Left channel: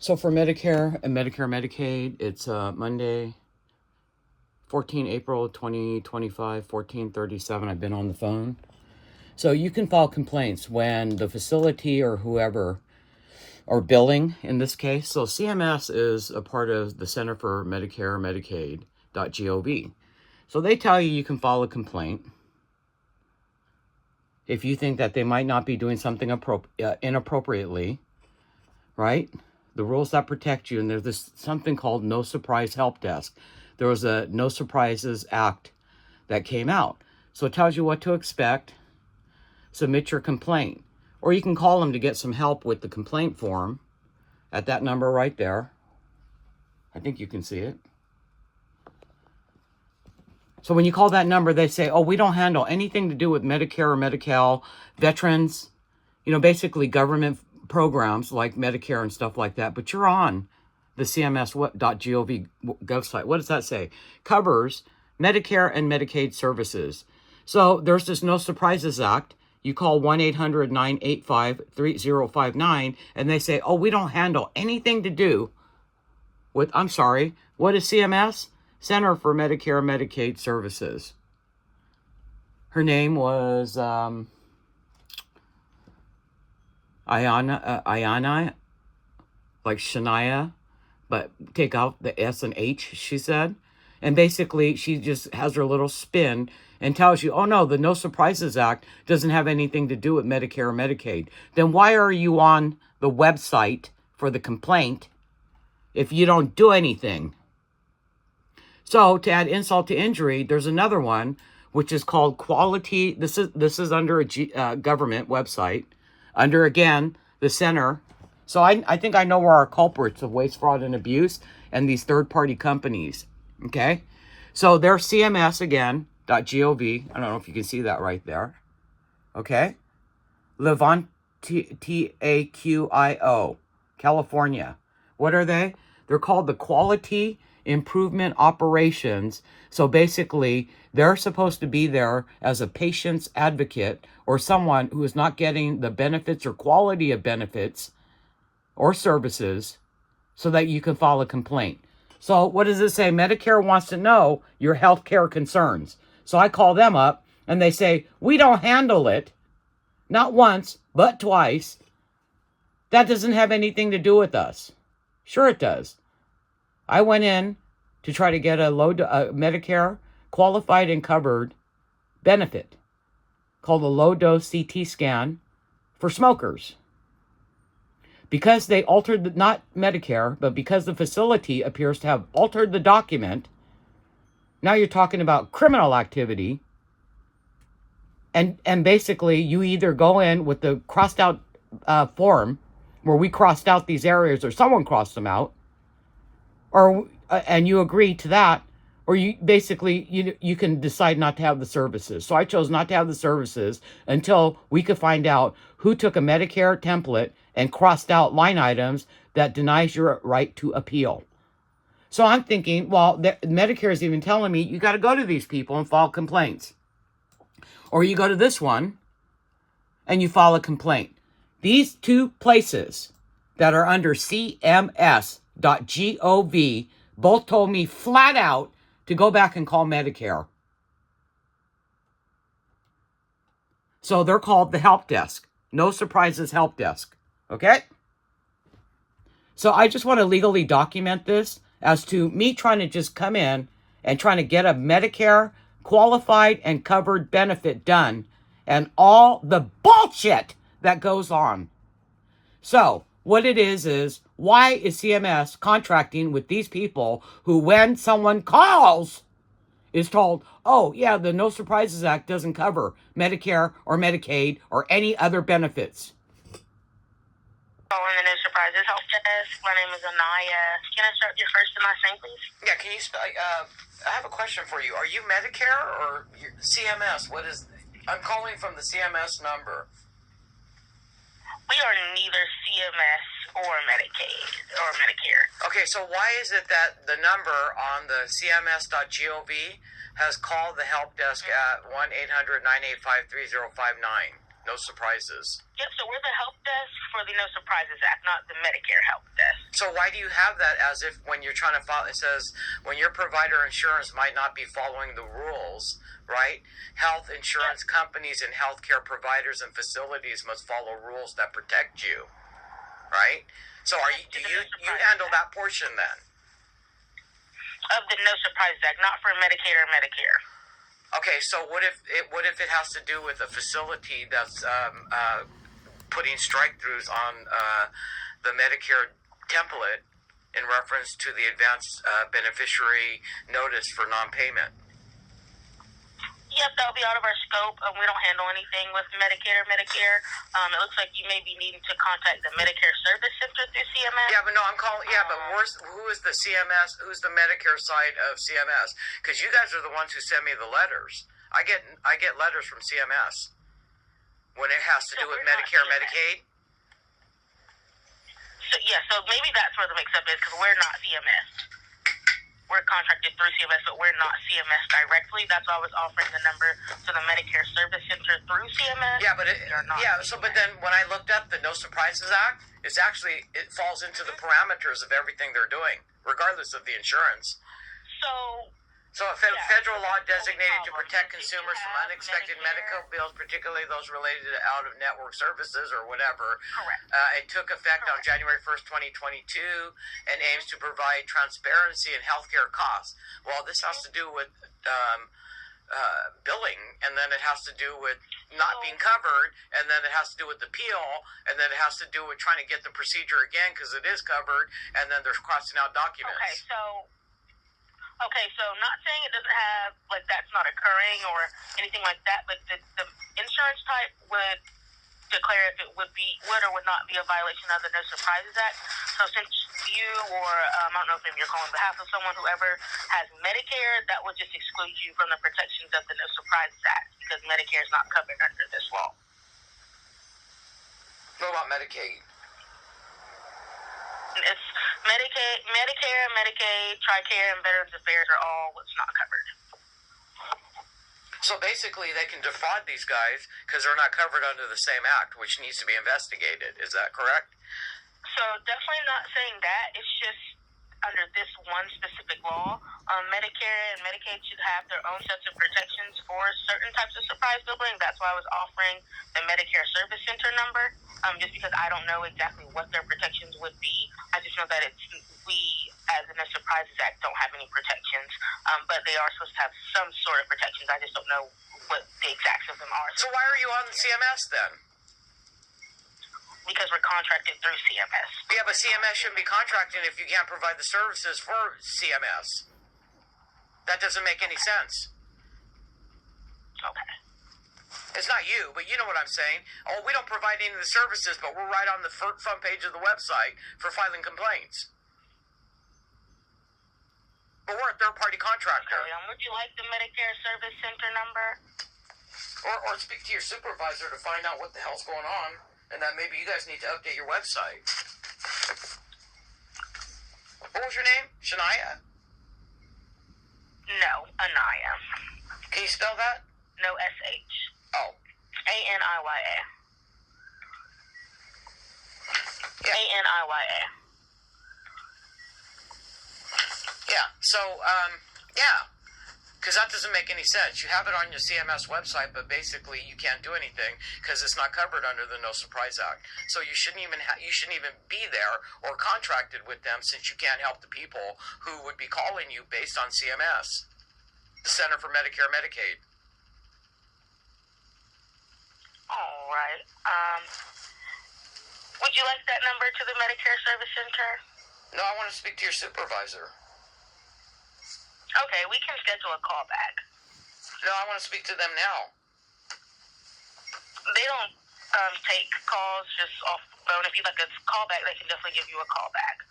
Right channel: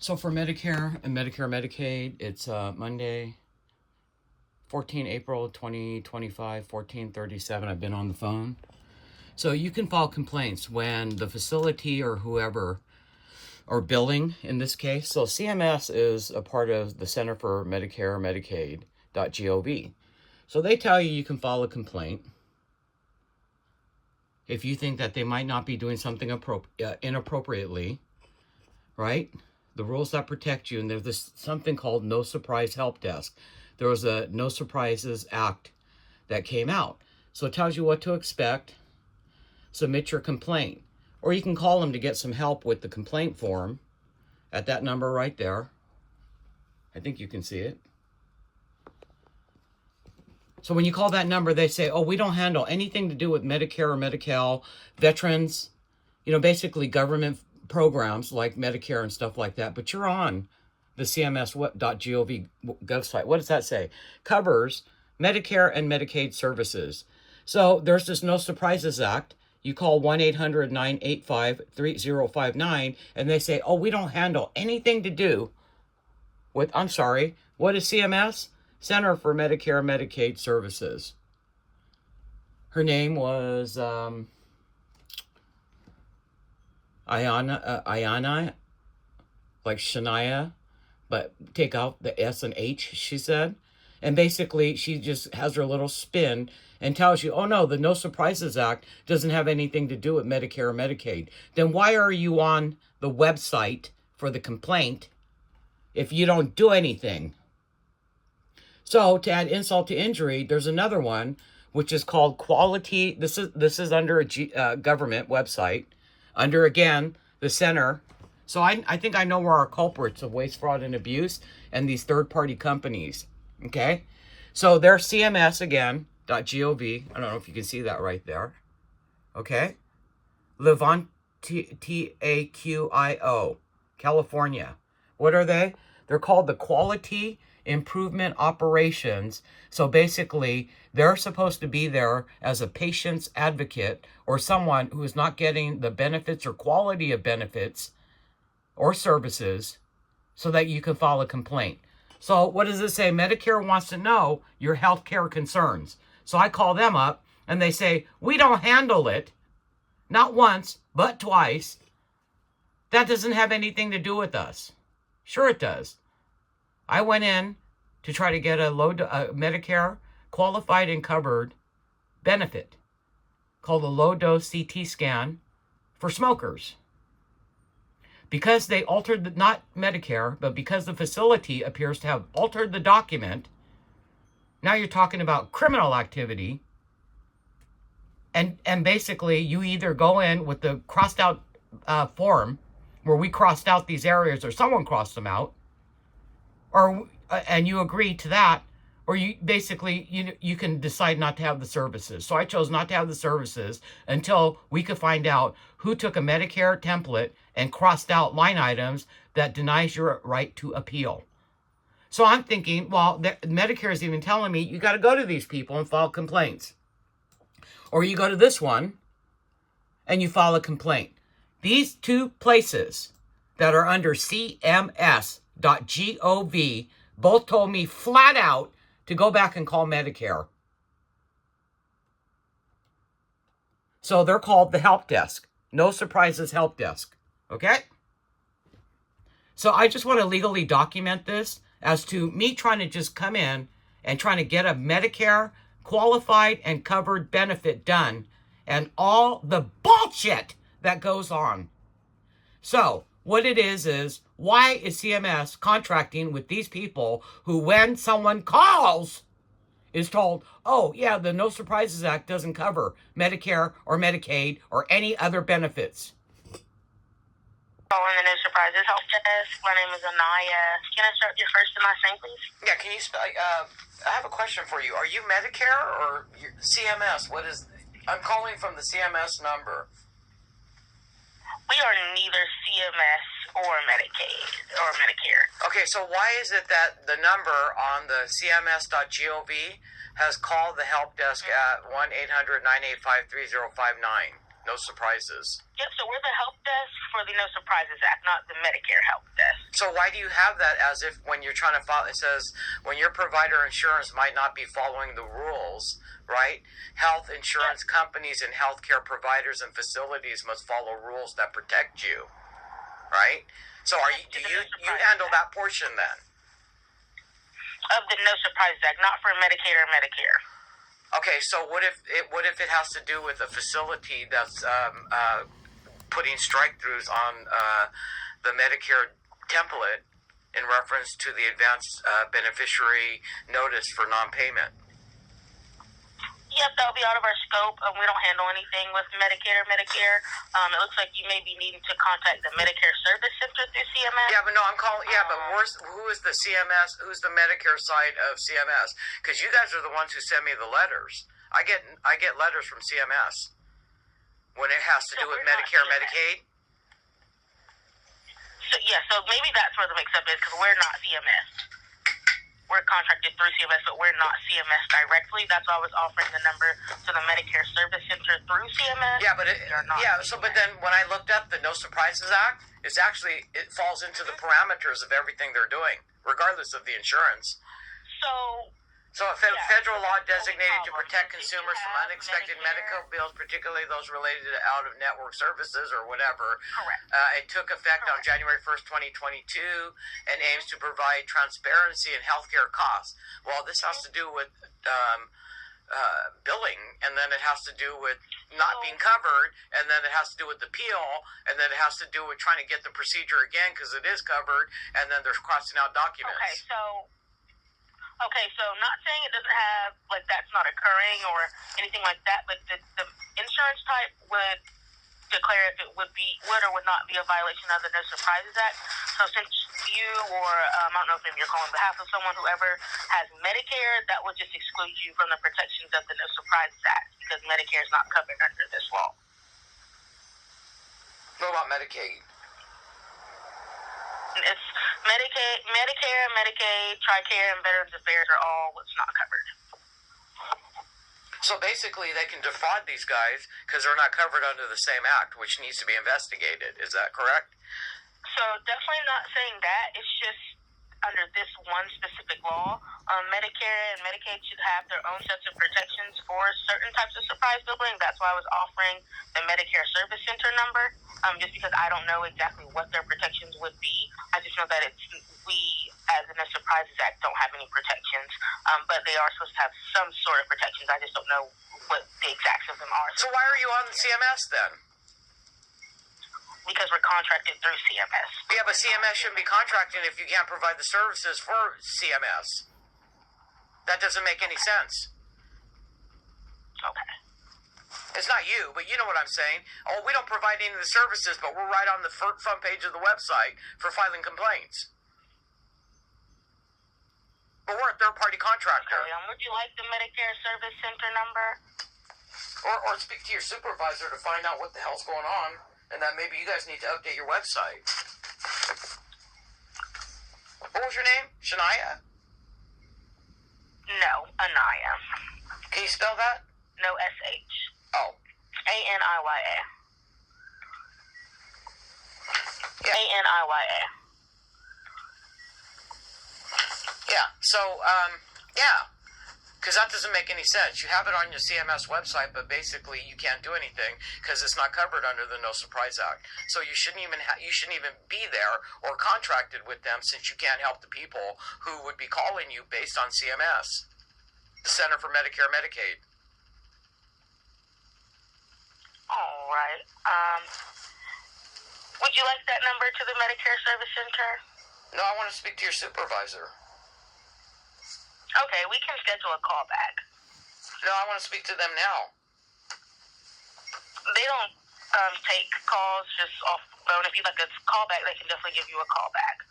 So for Medicare and Medicare Medicaid, it's Monday, 14 April 2025, 14:37. I've been on the phone. So you can file complaints when the facility or whoever, or billing in this case. So CMS is a part of the Center for Medicare Medicaid.gov. So they tell you can file a complaint if you think that they might not be doing something inappropriately, right? The rules that protect you, and there's this something called No Surprise Help Desk. There was a No Surprises Act that came out. So it tells you what to expect. Submit your complaint. Or you can call them to get some help with the complaint form at that number right there. I think you can see it. So when you call that number, they say, oh, we don't handle anything to do with Medicare or Medi-Cal, veterans, basically government programs like Medicare and stuff like that. But you're on the CMS.gov website. What does that say? Covers Medicare and Medicaid services. So there's this No Surprises Act. You call 1-800-985-3059, and they say, oh, we don't handle anything to do with, I'm sorry, what is CMS? Center for Medicare and Medicaid Services. Her name was Ayana, like Shania, but take out the S and H, she said. And basically, she just has her little spin and tells you, oh no, the No Surprises Act doesn't have anything to do with Medicare or Medicaid. Then why are you on the website for the complaint if you don't do anything? So to add insult to injury, there's another one, which is called Quality. This is under a government website, under, again, the center. So I think I know where our culprits of waste, fraud, and abuse and these third-party companies, okay? So they're CMS, again, .gov. I don't know if you can see that right there, okay? Livanta, TAQIO, California. What are they? They're called the Quality Improvement Operations. So basically, they're supposed to be there as a patient's advocate or someone who is not getting the benefits or quality of benefits or services so that you can file a complaint. So what does it say? Medicare wants to know your health care concerns. So I call them up and they say, we don't handle it. Not once, but twice. That doesn't have anything to do with us. Sure it does. I went in to try to get a Medicare qualified and covered benefit called a low-dose CT scan for smokers. Because they altered, not Medicare, but because the facility appears to have altered the document, now you're talking about criminal activity. And basically, you either go in with the crossed out form where we crossed out these areas or someone crossed them out, or and you agree to that, or you basically you can decide not to have the services. So I chose not to have the services until we could find out who took a Medicare template and crossed out line items that denies your right to appeal. So I'm thinking, well, Medicare is even telling me you got to go to these people and file complaints, or you go to this one and you file a complaint. These two places that are under CMS.gov both told me flat out to go back and call Medicare. So they're called the help desk. No Surprises Help Desk. Okay? So I just want to legally document this as to me trying to just come in and trying to get a Medicare qualified and covered benefit done and all the bullshit that goes on. So what it is why is CMS contracting with these people who, when someone calls, is told, oh, yeah, the No Surprises Act doesn't cover Medicare or Medicaid or any other benefits? Calling the No Surprises Help Desk. My name is Anaya. Can I start your first and last name, please? Yeah, can you spell? I have a question for you. Are you Medicare or CMS? I'm calling from the CMS number. We are neither CMS or Medicaid or Medicare. Okay, so why is it that the number on the CMS.gov has called the help desk at 1-800-985-3059? No surprises. Yep, so we're the help desk for the No Surprises Act, not the Medicare help desk. So why do you have that as if when you're trying to file, it says when your provider insurance might not be following the rules, right? Health insurance companies and healthcare providers and facilities must follow rules that protect you, right? So do you handle that portion then? Of the No Surprises Act, not for Medicaid or Medicare. Okay, so what if it has to do with a facility that's putting strike-throughs on the Medicare template in reference to the advanced beneficiary notice for non-payment? Yep, that'll be out of our scope. We don't handle anything with Medicaid or Medicare. It looks like you may be needing to contact the Medicare Service Center through CMS. Yeah, but no, I'm calling. Yeah, but who is the CMS? Who's the Medicare side of CMS? Because you guys are the ones who send me the letters. I get letters from CMS when it has to do with Medicare, Medicaid. So maybe that's where the mix-up is, because we're not CMS. We're contracted through CMS, but we're not CMS directly. That's why I was offering the number to the Medicare Service Center through CMS. Yeah, but but then when I looked up the No Surprises Act, it falls into the parameters of everything they're doing, regardless of the insurance. So a federal law designated to protect consumers from unexpected medical bills, particularly those related to out-of-network services or whatever. Correct. It took effect on January 1st, 2022, and aims to provide transparency in healthcare costs. Well, this has to do with billing, and then it has to do with not being covered, and then it has to do with the appeal, and then it has to do with trying to get the procedure again because it is covered, and then there's crossing out documents. Okay, so not saying it doesn't have, like, that's not occurring or anything like that, but the insurance type would declare if it would or would not be a violation of the No Surprises Act. So since you or, I don't know if maybe you're calling on behalf of someone, whoever has Medicare, that would just exclude you from the protections of the No Surprises Act because Medicare is not covered under this law. What about Medicaid? It's Medicare, Medicaid, TRICARE, and Veterans Affairs are all what's not covered. So basically, they can defraud these guys because they're not covered under the same act, which needs to be investigated. Is that correct? So definitely not saying that. It's just under this one specific law, Medicare and Medicaid should have their own sets of protections for certain types of surprise billing. That's why I was offering the Medicare Service Center number, just because I don't know exactly what their protections would be. I just know that we, as in the Surprises Act, don't have any protections, but they are supposed to have some sort of protections. I just don't know what the exacts of them are. So why are you on the CMS then? Because we're contracted through CMS. Yeah, but CMS shouldn't be contracting if you can't provide the services for CMS. That doesn't make any sense. Okay. It's not you, but you know what I'm saying. Oh, we don't provide any of the services, but we're right on the front page of the website for filing complaints. But we're a third-party contractor. Okay, would you like the Medicare Service Center number? Or speak to your supervisor to find out what the hell's going on. And that maybe you guys need to update your website. What was your name? Shania? No, Anaya. Can you spell that? No S-H. Oh. A-N-I-Y-A. Yeah. A-N-I-Y-A. Yeah, so, yeah. Because that doesn't make any sense. You have it on your CMS website, but basically you can't do anything because it's not covered under the No Surprise Act. So you shouldn't even be there or contracted with them since you can't help the people who would be calling you based on CMS, the Center for Medicare Medicaid. All right. Would you like that number to the Medicare Service Center? No, I want to speak to your supervisor. Okay, we can schedule a call back. No, I want to speak to them now. They don't take calls just off the phone. If you'd like a call back, they can definitely give you a call back.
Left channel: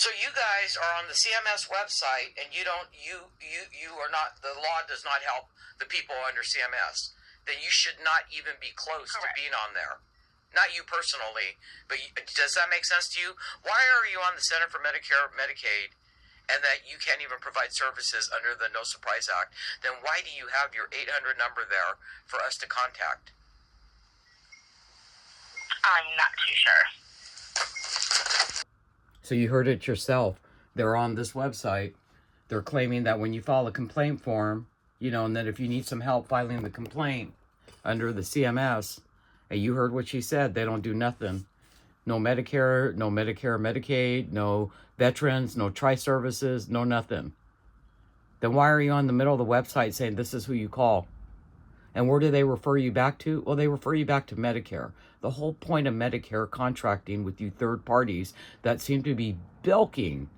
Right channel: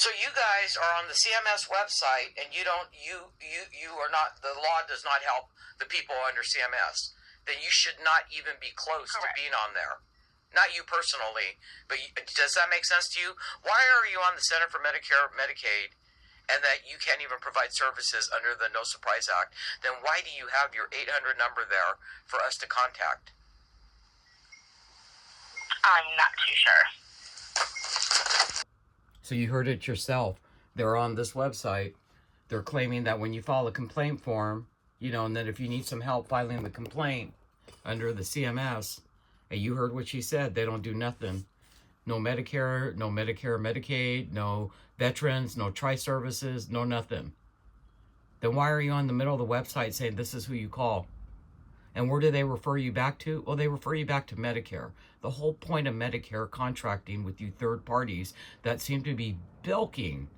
So you guys are on the CMS website, and you are not. The law does not help the people under CMS. Then you should not even be close to being on there. Not you personally, but does that make sense to you? Why are you on the Center for Medicare Medicaid? And that you can't even provide services under the No Surprise Act, then why do you have your 800 number there for us to contact? I'm not too sure. So you heard it yourself. They're on this website. They're claiming that when you file a complaint form, you know, and that if you need some help filing the complaint under the CMS, and you heard what she said, they don't do nothing. No Medicare, no Medicare, Medicaid, no veterans, no tri-services, no nothing. Then why are you on the middle of the website saying this is who you call? And where do they refer you back to? Well, they refer you back to Medicare. The whole point of Medicare contracting with you third parties that seem to be bilking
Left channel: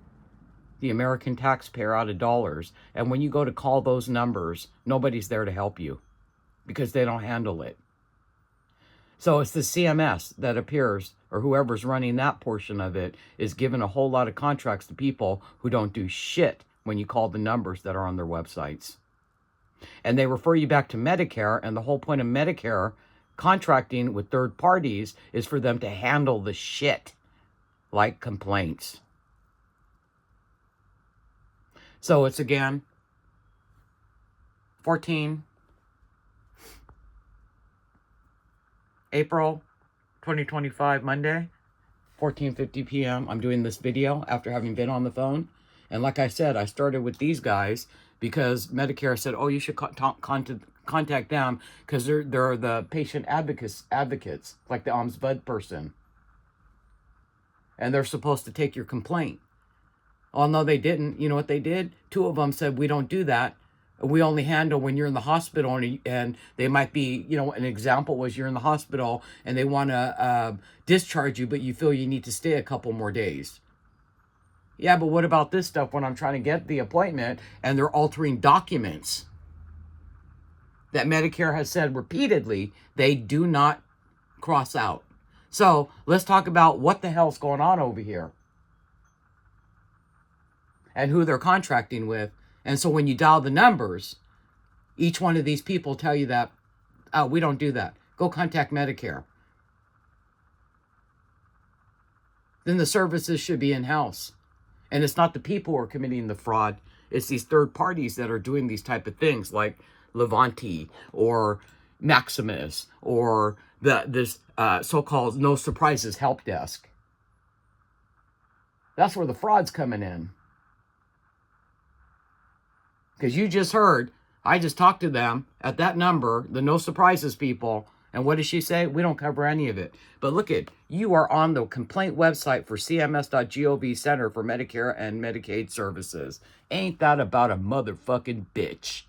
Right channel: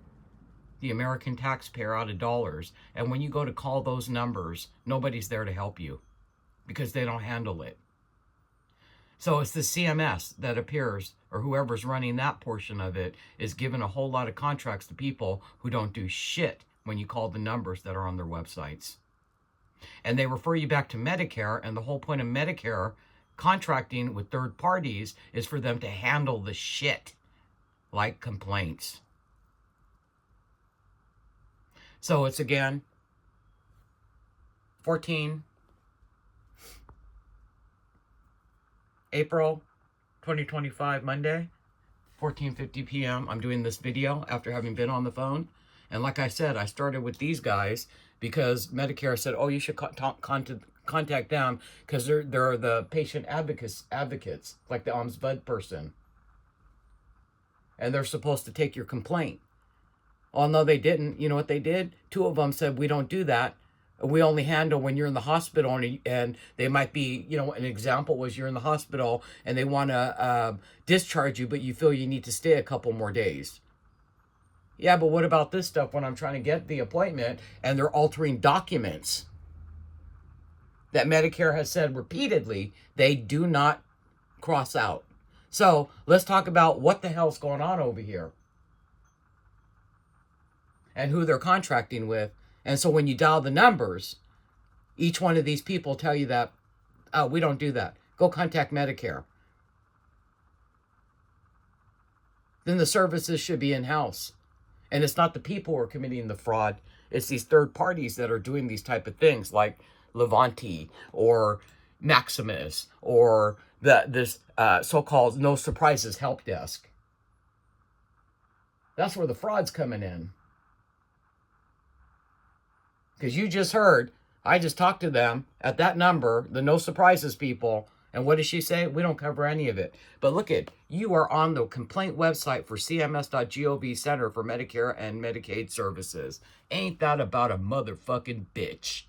the American taxpayer out of dollars. And when you go to call those numbers, nobody's there to help you because they don't handle it. So it's the CMS that appears, or whoever's running that portion of it, is giving a whole lot of contracts to people who don't do shit when you call the numbers that are on their websites. And they refer you back to Medicare, and the whole point of Medicare contracting with third parties is for them to handle the shit, like complaints. So it's again, 14 April 2025, Monday, 14:50 p.m. I'm doing this video after having been on the phone. And like I said, I started with these guys because Medicare said, oh, you should contact them because they're the patient advocates, like the ombudsman person. And they're supposed to take your complaint. Oh, no, they didn't. You know what they did? 2 of them said, we don't do that. We only handle when you're in the hospital, and they might be, you know, an example was you're in the hospital and they want to discharge you, but you feel you need to stay a couple more days. Yeah, but what about this stuff when I'm trying to get the appointment and they're altering documents that Medicare has said repeatedly they do not cross out? So let's talk about what the hell's going on over here and who they're contracting with. And so when you dial the numbers, each one of these people tell you that, we don't do that. Go contact Medicare. Then the services should be in-house. And it's not the people who are committing the fraud. It's these third parties that are doing these type of things like Livanta or Maximus or this so-called No Surprises help desk. That's where the fraud's coming in. Because you just heard, I just talked to them at that number, the No Surprises people, and what does she say? We don't cover any of it. But look at, you are on the complaint website for CMS.gov Center for Medicare and Medicaid Services. Ain't that about a motherfucking bitch?